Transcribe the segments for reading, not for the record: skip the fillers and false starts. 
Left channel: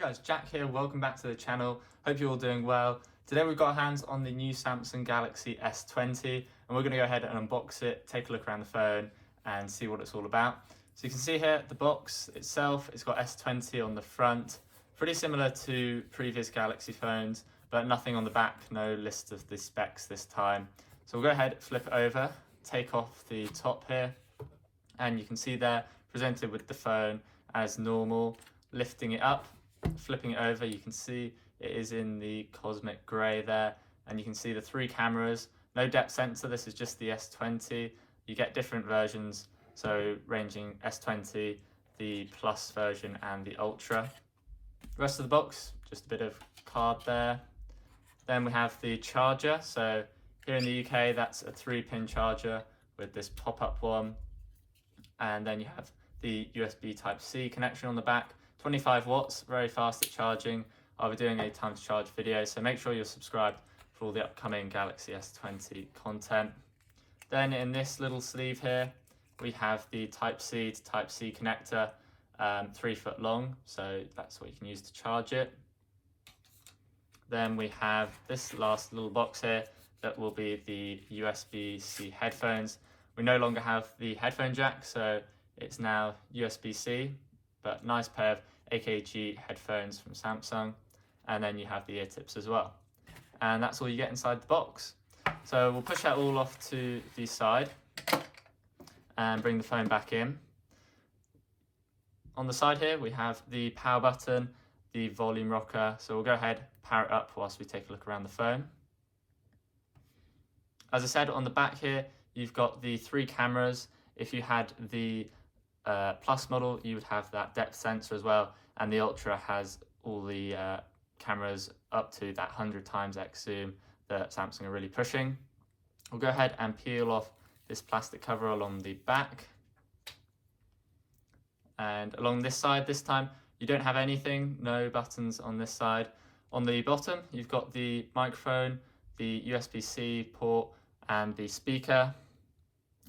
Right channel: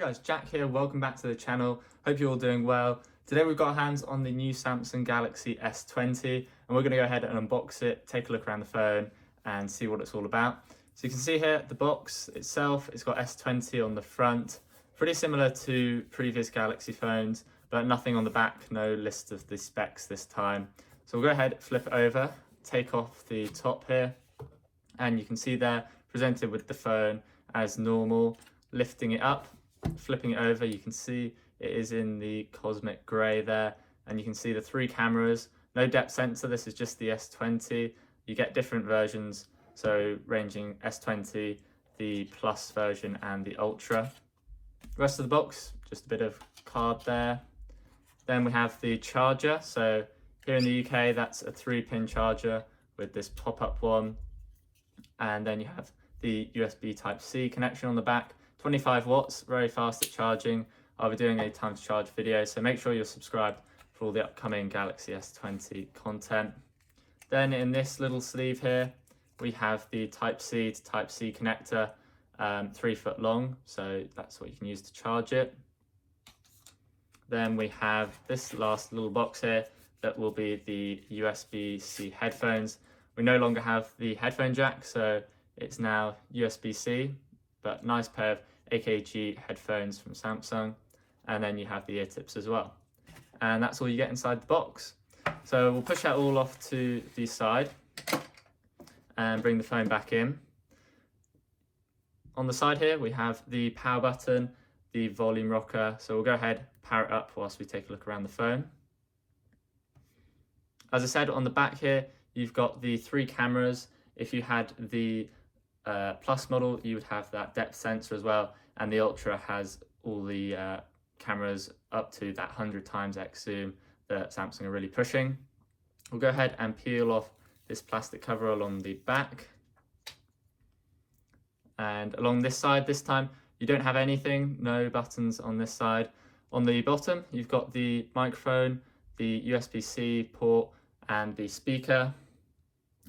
guys, Jack here, welcome back to the channel. Hope you're all doing well. Today we've got our hands on the new Samsung Galaxy S20 and we're going to go ahead and unbox it, take a look around the phone and see what it's all about. So you can see here the box itself, it's got S20 on the front, pretty similar to previous Galaxy phones, but nothing on the back, no list of the specs this time. So we'll go ahead, flip it over, take off the top here, and you can see there presented with the phone as normal. Lifting it up, flipping it over, you can see it is in the cosmic grey there, and you can see the three cameras. No depth sensor, this is just the S20. You get different versions, so ranging S20, the Plus version and the Ultra. The rest of the box, just a bit of card there. Then we have the charger. So here in the UK, that's a 3-pin charger with this pop-up one. And then you have the USB Type-C connection on the back. 25 watts, very fast at charging. I'll be doing a time to charge video, so make sure you're subscribed for all the upcoming Galaxy S20 content. Then in this little sleeve here, we have the Type-C to Type-C connector, 3 foot long, so that's what you can use to charge it. Then we have this last little box here that will be the USB-C headphones. We no longer have the headphone jack, so it's now USB-C, but nice pair of AKG headphones from Samsung. And then you have the ear tips as well. And that's all you get inside the box. So we'll push that all off to the side and bring the phone back in. On the side here, we have the power button, the volume rocker. So we'll go ahead, power it up whilst we take a look around the phone. As I said, on the back here, you've got the 3 cameras. If you had the Plus model, you would have that depth sensor as well, and the Ultra has all the cameras up to that 100 times X zoom that Samsung are really pushing. We'll go ahead and peel off this plastic cover along the back. And along this side this time, you don't have anything, no buttons on this side. On the bottom, you've got the microphone, the USB-C port and the speaker.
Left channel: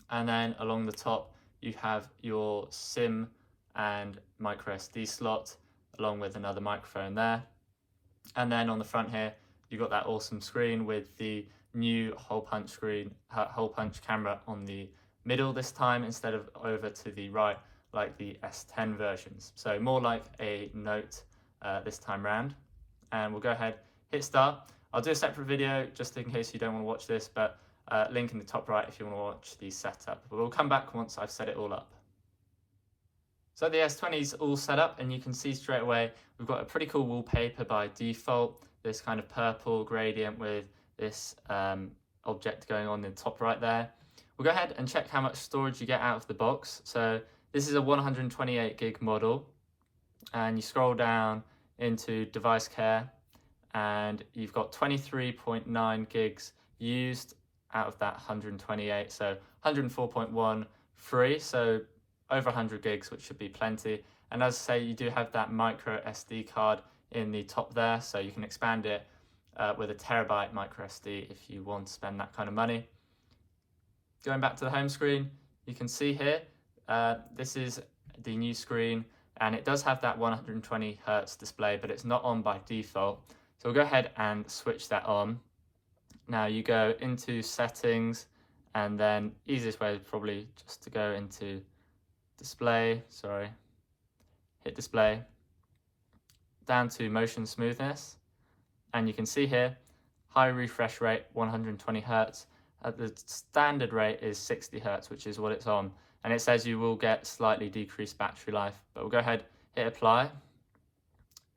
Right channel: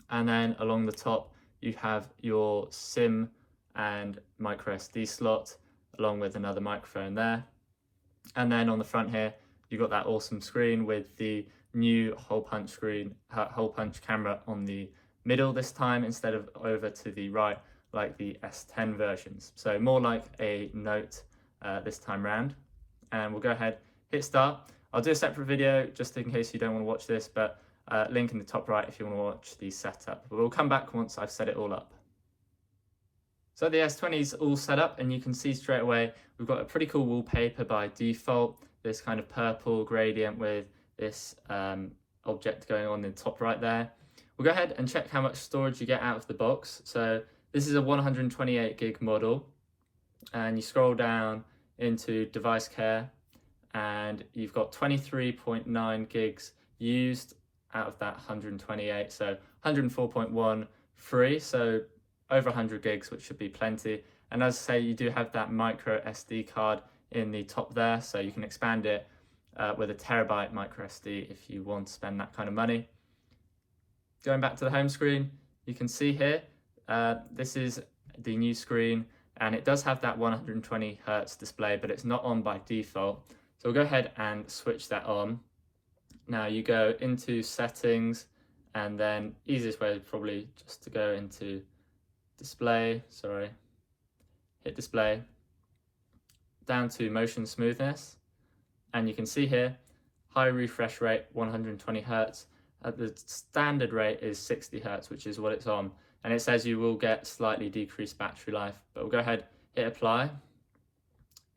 And then along the top, you have your SIM and micro SD slot, along with another microphone there. And then on the front here, you've got that awesome screen with the new hole punch camera on the middle this time, instead of over to the right, like the S10 versions. So more like a Note this time round. And we'll go ahead, hit start. I'll do a separate video just in case you don't want to watch this, but link in the top right if you want to watch the setup. But we'll come back once I've set it all up. So the S20 is all set up, and you can see straight away we've got a pretty cool wallpaper by default. This kind of purple gradient with this object going on in the top right there. We'll go ahead and check how much storage you get out of the box. So this is a 128 gig model, and you scroll down into device care and you've got 23.9 gigs used out of that 128, so 104.1 free, so over 100 gigs, which should be plenty. And as I say, you do have that micro SD card in the top there, so you can expand it with a terabyte micro SD if you want to spend that kind of money. Going back to the home screen, you can see here, this is the new screen, and it does have that 120 Hertz display, but it's not on by default. So we'll go ahead and switch that on. Now you go into settings, and then easiest way is probably just to go into display, hit display, down to motion smoothness, and you can see here, high refresh rate, 120 Hertz. The standard rate is 60 Hertz, which is what it's on. And it says you will get slightly decreased battery life, but we'll go ahead, hit apply,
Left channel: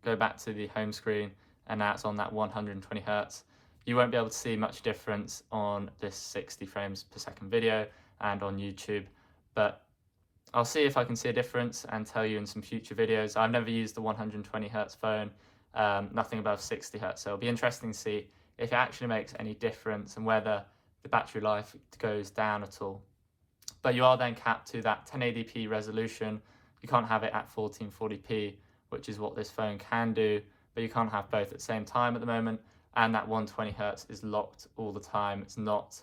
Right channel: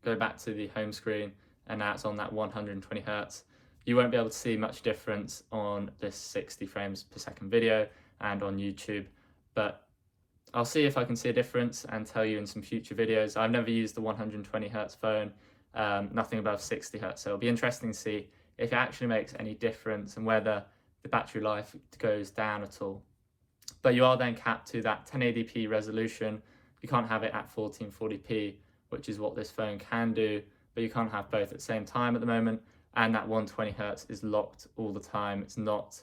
go back to the home screen, and now it's on that 120 Hertz. You won't be able to see much difference on this 60 frames per second video and on YouTube, but I'll see if I can see a difference and tell you in some future videos. I've never used the 120 Hertz phone, nothing above 60 Hertz, so it'll be interesting to see if it actually makes any difference and whether the battery life goes down at all. But you are then capped to that 1080p resolution. You can't have it at 1440p, which is what this phone can do, but you can't have both at the same time at the moment. And that 120 Hertz is locked all the time. It's not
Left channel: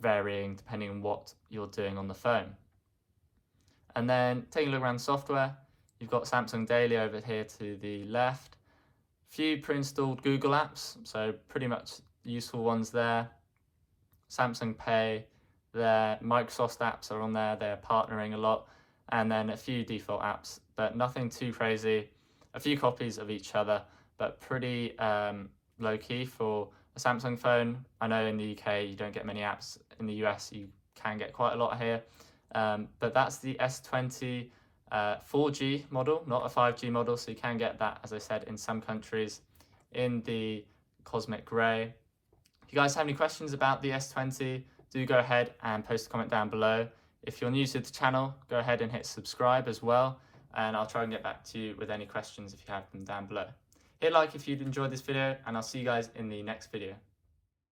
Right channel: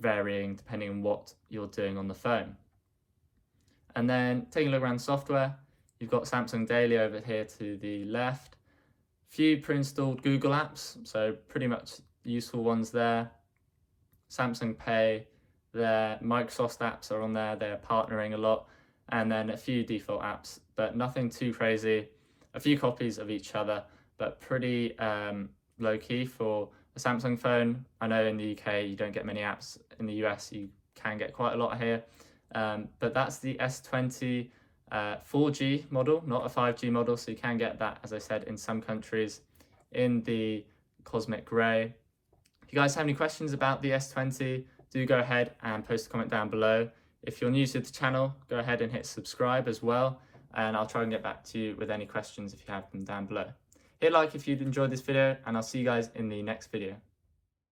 varying depending on what you're doing on the phone. And then taking a look around software, You've got Samsung Daily over here to the left. Few pre-installed Google apps, so pretty much useful ones there. Samsung Pay, their Microsoft apps are on there, they're partnering a lot, and then a few default apps, but nothing too crazy. A few copies of each other, but pretty low-key for a Samsung phone. I know in the UK you don't get many apps. In the US you can get quite a lot here, but that's the S20 4G model, not a 5G model, so you can get that, as I said, in some countries in the cosmic grey. If you guys have any questions about the S20, do go ahead and post a comment down below. If you're new to the channel, go ahead and hit subscribe as well, and I'll try and get back to you with any questions if you have them down below. Hit like if you'd enjoyed this video, and I'll see you guys in the next video.